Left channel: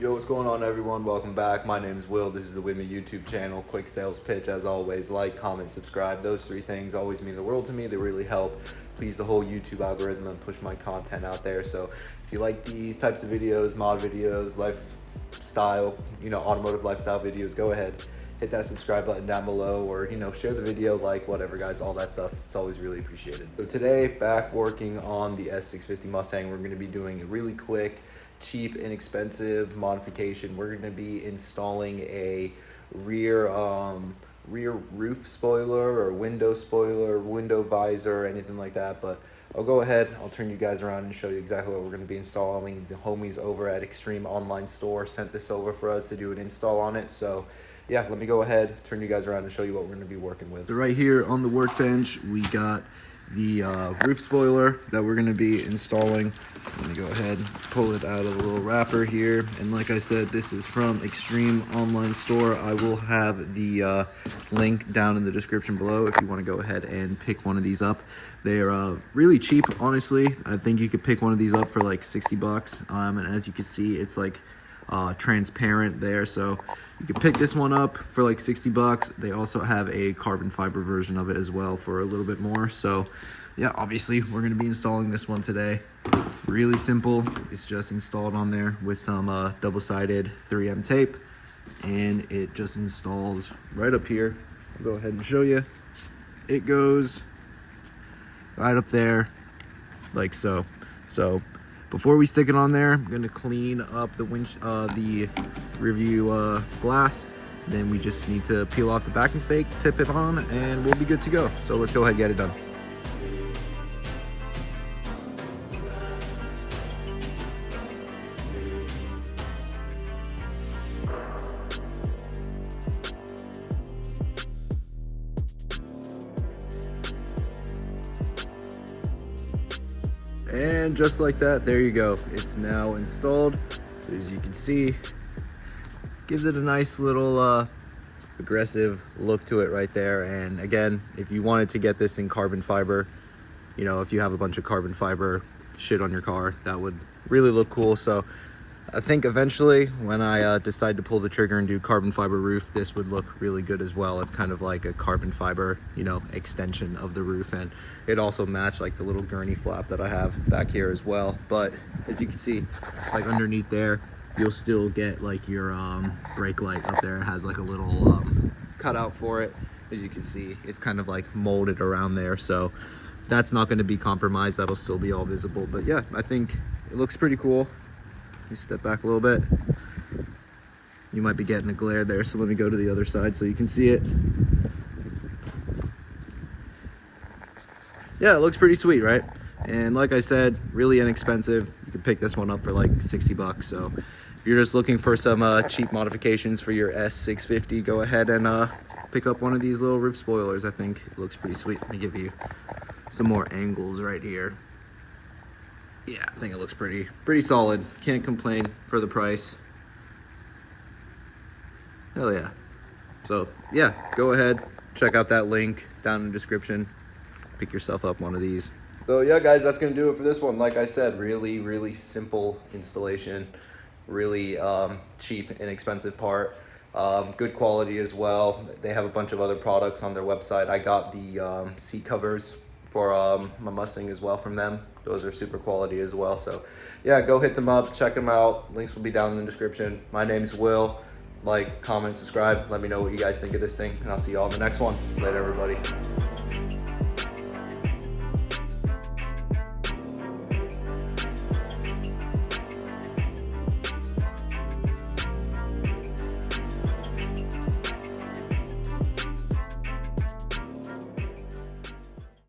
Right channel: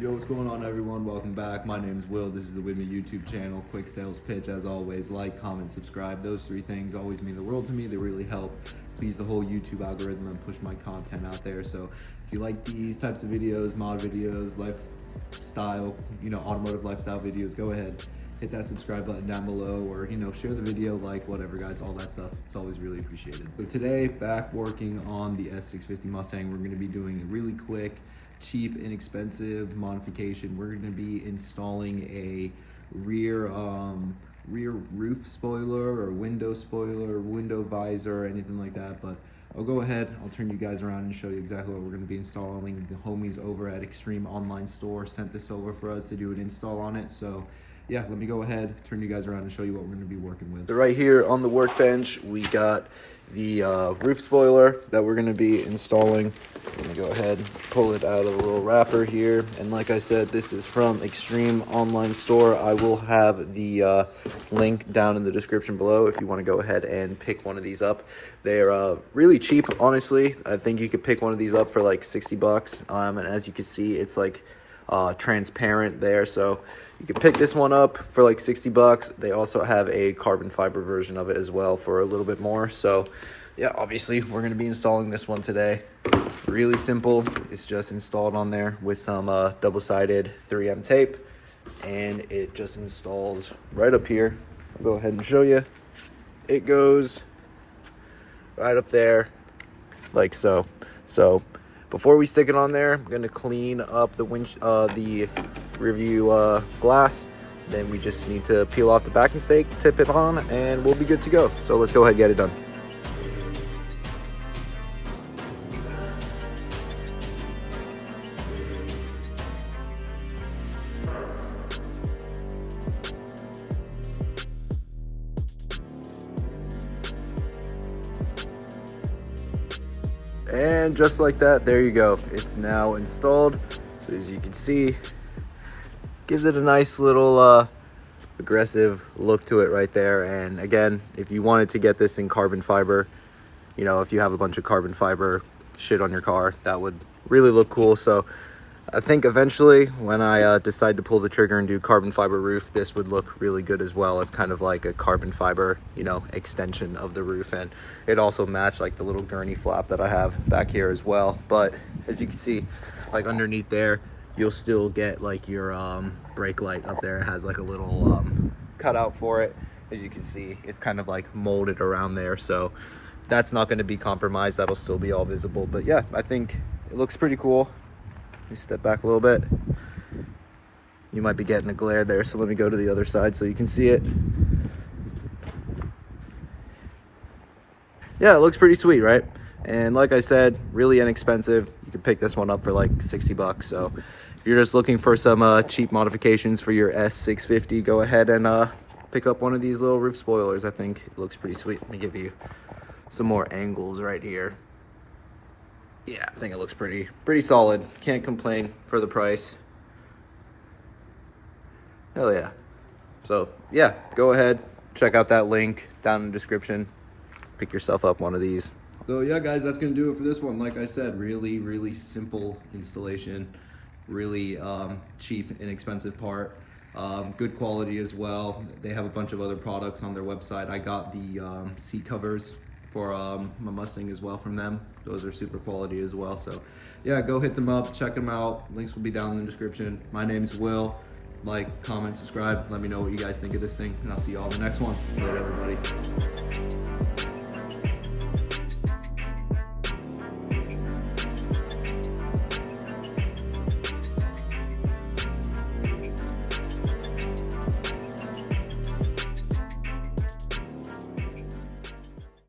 Yo, what's going on, everyone? Welcome back. My name is Will. This is the With Me YouTube channel. Quick sales pitch, as always. Like, comment, subscribe. Those three things always mean the world to me. They really help please the whole YouTube algorithm and push my content out there. So if you like these types of videos, mod videos, lifestyle, automotive lifestyle videos, go ahead, hit that subscribe button down below, or share the video, like, whatever, guys. All that stuff, it's always really appreciated. So today, back working on the S650 Mustang. We're going to be doing a really quick, cheap, inexpensive modification. We're going to be installing a rear roof spoiler or window visor, anything like that. But I'll go ahead, I'll turn you guys around and show you exactly what we're going to be installing. The homies over at Extreme Online Store sent this over for us to do an install on it. So yeah, let me go ahead, turn you guys around and show you what we're going to be working with. So right here on the workbench, we got the roof spoiler that we're going to be installing. Let me go ahead and pull it out of a little wrapper here. And like I said, this is from Extreme Online Store. I will have the link down in the description below if you want to go ahead and pick one of these up. They're really cheap, honestly. I think you could pick one of these up for like 60 bucks. And as you can see, it's like transparent there, so you can pick this one up for like 60 bucks. They also have a carbon fiber version of it as well for a little bit more. So yeah, obviously we're going to be installing this one today. Really simple. It's just installed on there with some double-sided 3M tape, and it just installs right up here. I'll go ahead and show you. It goes right up there like so. Before we stick it on there, I'm gonna clean up the review glass. Then we just need to peel off the backing stake, tip it on, and we'll be good to go. So let's go ahead and get it done. And just like that, there you go. It's now installed. So as you can see, gives it a nice little aggressive look to it right there. And again, if you wanted to get this in carbon fiber, if you have a bunch of carbon fiber shit on your car, that would really look cool. So I think eventually when I decide to pull the trigger and do carbon fiber roof, this would look really good as well. It's kind of like a carbon fiber, extension of the roof. And it also matched like the little gurney flap that I have back here as well. But as you can see, like underneath there, you'll still get like your brake light up there. It has like a little cutout for it. As you can see, it's kind of like molded around there. So that's not going to be compromised. That'll still be all visible. But yeah, I think it looks pretty cool. Let me step back a little bit. You might be getting a glare there, so let me go to the other side so you can see it. Yeah, it looks pretty sweet, right? And like I said, really inexpensive. You can pick this one up for like 60 bucks. So if you're just looking for some cheap modifications for your S650, go ahead and pick up one of these little roof spoilers. I think it looks pretty sweet. Let me give you some more angles right here. Yeah, I think it looks pretty solid. Can't complain for the price. Hell yeah. So yeah, go ahead, check out that link down in the description. Pick yourself up one of these. So yeah, guys, that's gonna do it for this one. Like I said, really simple installation. Really cheap, inexpensive part. Good quality as well. They have a bunch of other products on their website. I got the seat covers for my Mustang as well from them. Those are super quality as well. So yeah, go hit them up, check them out. Links will be down in the description. My name's Will. Like, comment, subscribe. Let me know what you guys think of this thing, and I'll see you all in the next one. Later, everybody.